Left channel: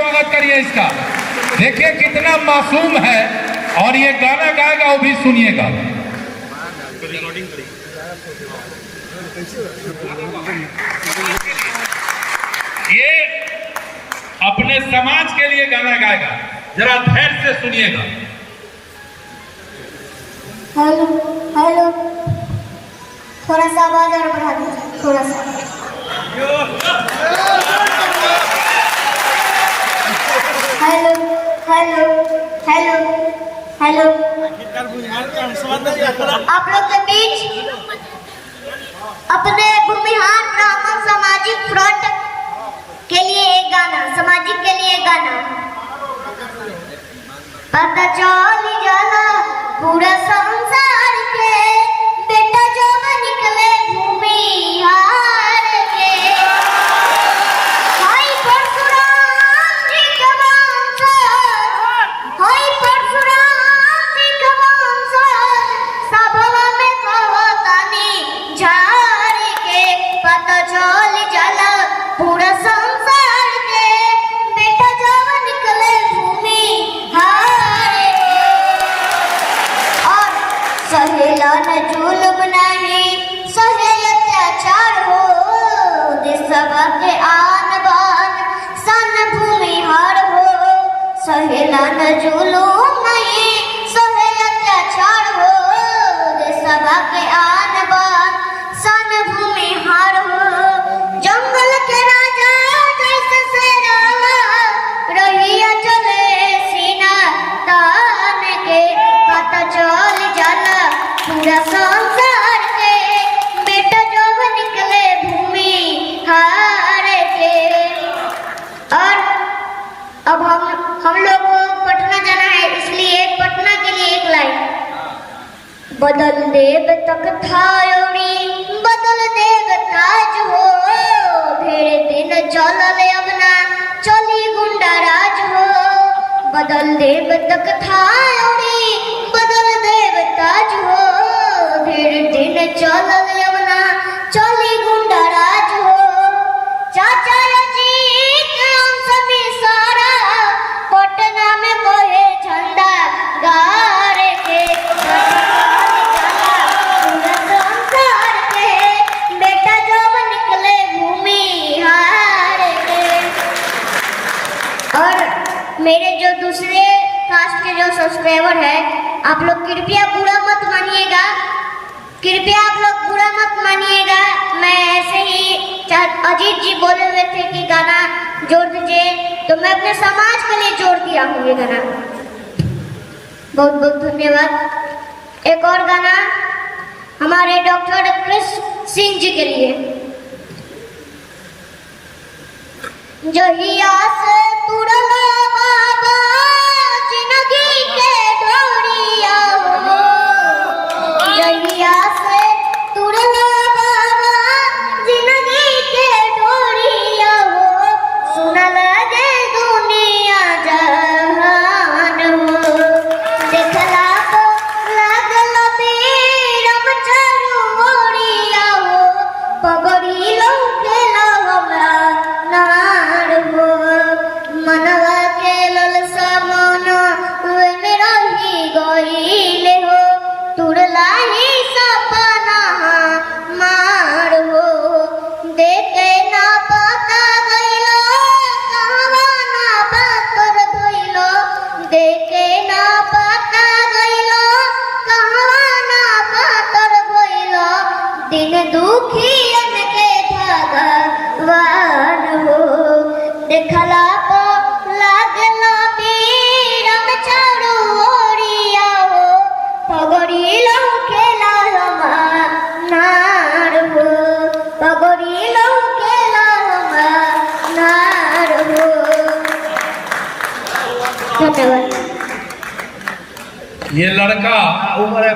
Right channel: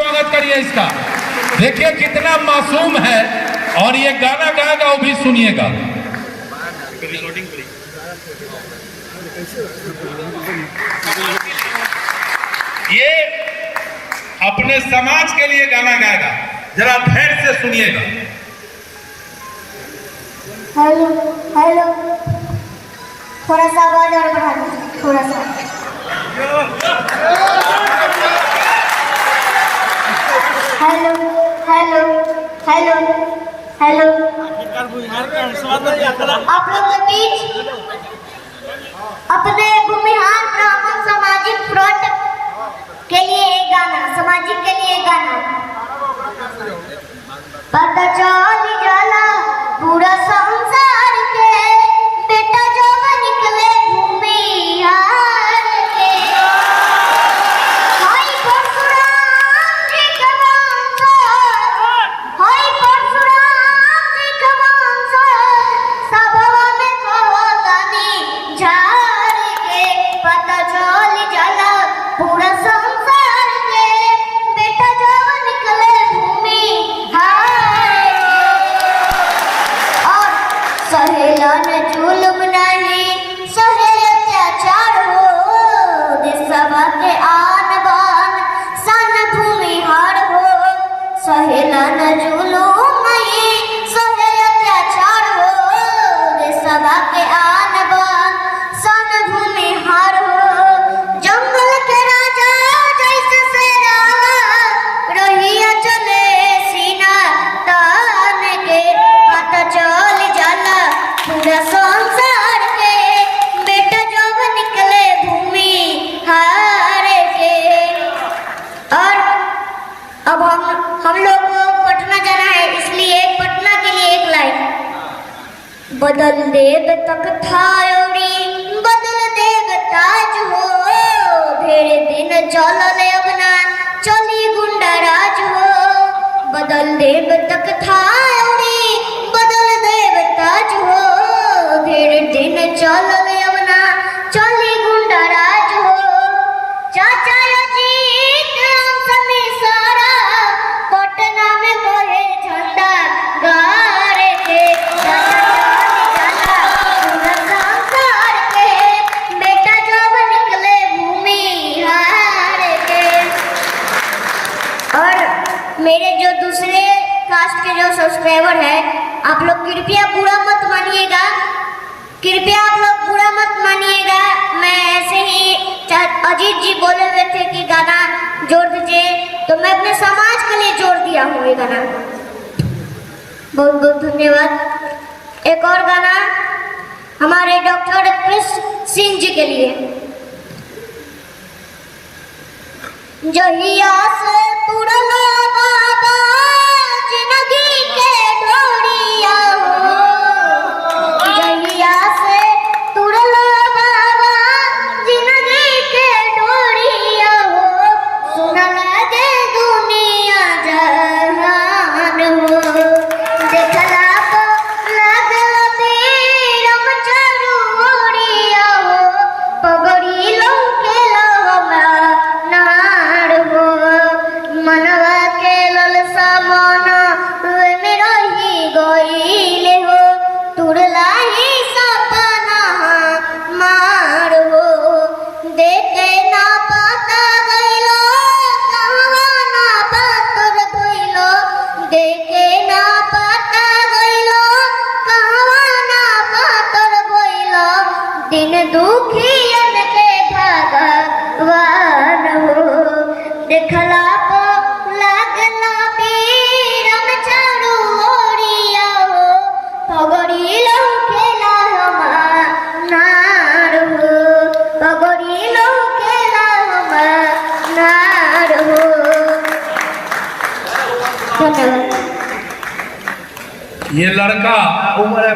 स्वागत करिए इसका। देखिए कितना मासूम है और ये गाना गाएगा, वो भी सुनिएगा। ये अपने समाज के लिए गाना गाएगा, जरा धैर्य से सुनिएगा। हेलो हेलो, थोड़ा सा आवाज और बढ़ा दीजिए, थोड़ा सा। हेलो हेलो हेलो हेलो, आप लोग के बीच अपने भूमिहार ब्राह्मण सामाजिक फ्रंट के लिए एक गाना, सामाजिक के लिए एक गाना। पता चल जाला पूरा संसार के, बेटा जो निकले भूमिहार के। हाय परशुराम जी के वंशज, हाय परशुराम जी के वंशज, सभवा में कहतानी झाड़ के। पता चल जाला पूरा संसार के, बेटा जो निकले भूमिहार। सहेला न जुल्म नहीं, सहे अत्याचार हो, देशवा के आन बान सन भूमिहार हो। सहेला न जुल्म नहीं, सहे अत्याचार हो, देशवा के आन बान सन भूमिहार हो। जंगल के राजा जैसे शेरावा, रहिया चले सीना तान के। पता चल जाला पूरा संसार के, बेटा जो निकले भूमिहार के। और अब हम लोग को पटना जाना है, इसलिए पटना के लिए एक लाइन। बदल देव तख्ता औरी बदल देव ताज हो, ढेरे दिन चलल अब ना चली गुंडा राज हो। बदल देव तख्ता औरी बदल देव ताज हो, ढेरे दिन चलल अब ना चली गुंडा राज हो। चाचा अजीत सभी सारा पटना में कोहे झंडा गाड़ के। पूरा संसार के, बेटा जब निकले भूमिहार के। और मेरे जो दूसरे कास्ट के जो सब्सक्राइबर है, आप लोग कृपया बुरा मत मानिएगा, कृपया आप लोग बुरा मत मानिएगा। मैं ऐसे ही अजीत जी बोले हुए थे कि गाना जोड़ दीजिए, तो मैं अपने समाज के लिए जोड़ दिया हूँ ये गाना। बहुत बहुत धन्यवाद। एक और गाना हमारे डॉक्टर कृष्ण सिंह जी के लिए। जहिया से पुरला बाबा जिंदगी के ढोरिया हो, जहिया से पुरला बाबा जिंदगी के ढोरिया हो, सुना लगे दुनिया जहान हो। देखला तो लागल बेरम चरुरिया हो, पगड़ी लौकेला नार हो। मनवा के ललसा मन में रही गईले हो, तुरला ही सपना मार हो। देखे ना पता गईलो कहवा ना पातर भइलो, देखे ना पता गईलो कहवा ना पातर भइलो। दिन दुखियन के भगवान हो, देखला तो लागला बीरम चरुरिया हो, पगड़ी लौकेला नार हो, पगड़ी लौकेला नार हो। धन्यवाद। ये लड़का उम्र है